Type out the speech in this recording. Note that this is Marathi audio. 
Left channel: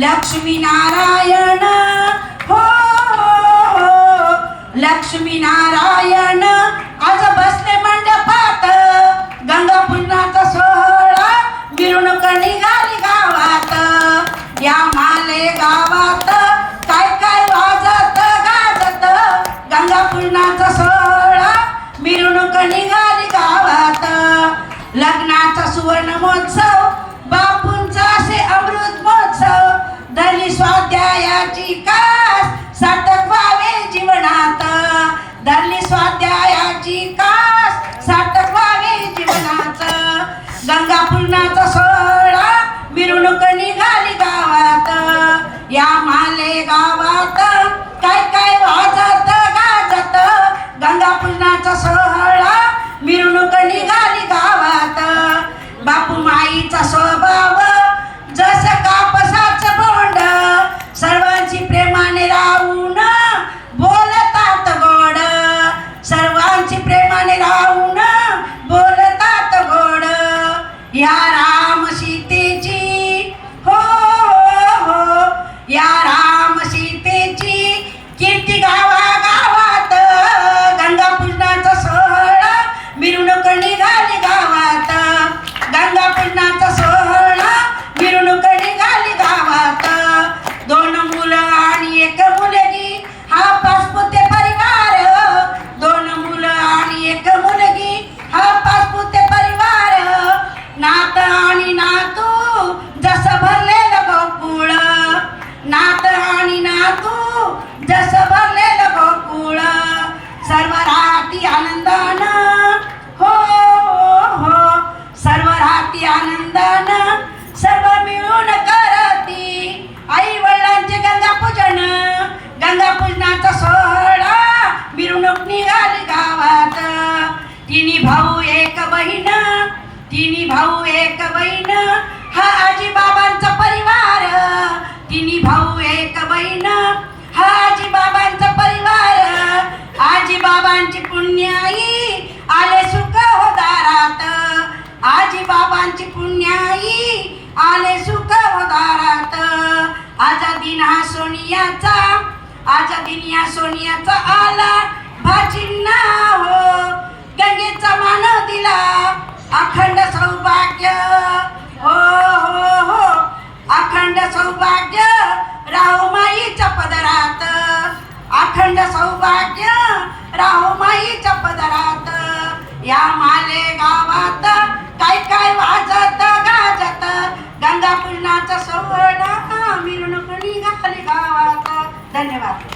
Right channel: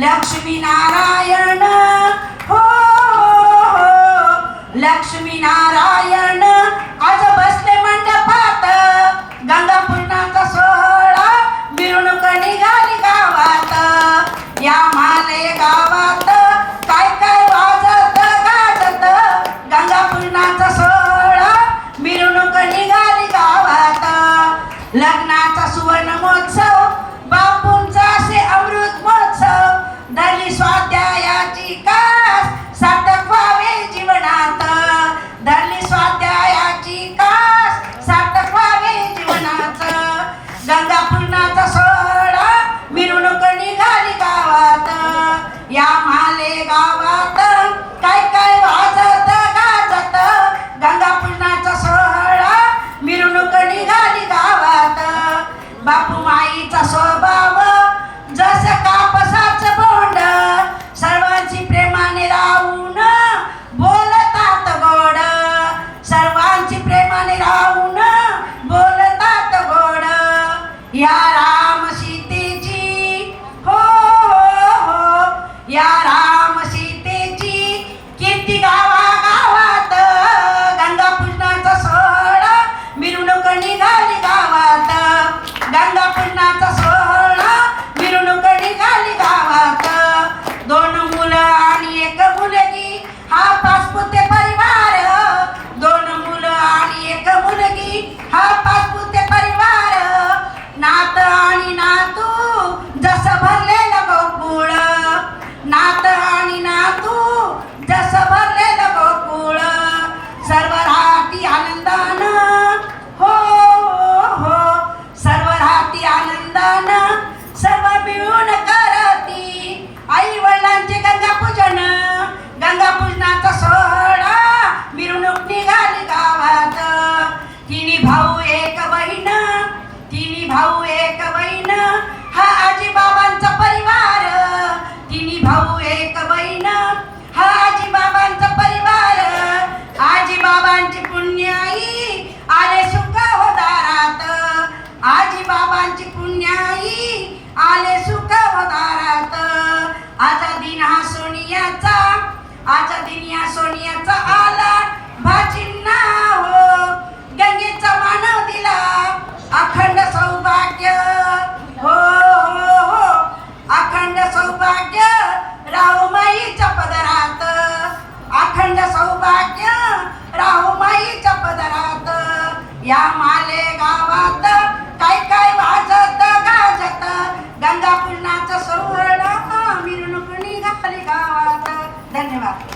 लक्ष्मी नारायण हो, हो, हो, हो लक्ष्मी नारायण आज बसले मंडपात. गंगा पुन्हाचा सोहळा मिरवणूक निघाली गावात. या माले गावात काय काय वाजत गाजत. गंगा पुन्हाचा सोहळा मिरवणूक निघाली गावात. लग्नाचा सुवर्ण महोत्सव कास सार्थक जीवनात. धरली स्वाध्यायाची कास सार्थक जीवनात. गंगा पूर्णाचा सोहळा मिरवणूक निघाली गावात. या de आणि ना तू जस भरलेलं गोकुळ. नात आणि नातू जस भरलेलं गोकुळ. सर्व राहती आनंदानं. हो, हो हो सर्व राहती आनंदानं. सर्व मिळून करती आई वडिलांचे गंगा पूजन गंगा पूजनाचा सोहळा मिरवणूक निघाली गावात. तिन्ही भाऊ एक बहीण. तिन्ही भाऊ एक बहीण हा आजी बाबांचा परिवार. तिन्ही भाऊ एक बहीण हा आजी बाबांचा परिवार. आजी बाबांची पुण्याई आले सुख हो दारात. आजी बाबांची पुण्याई आले सुख हो दारात. आजा दिन हा सोनियाचा आजा दिन या सोनियाचा या माले गावात काय काय वाजत गाजत? गंगा पूर्णाचा सोहळा मिरवणूक निघाली गावात. धन्यवाद.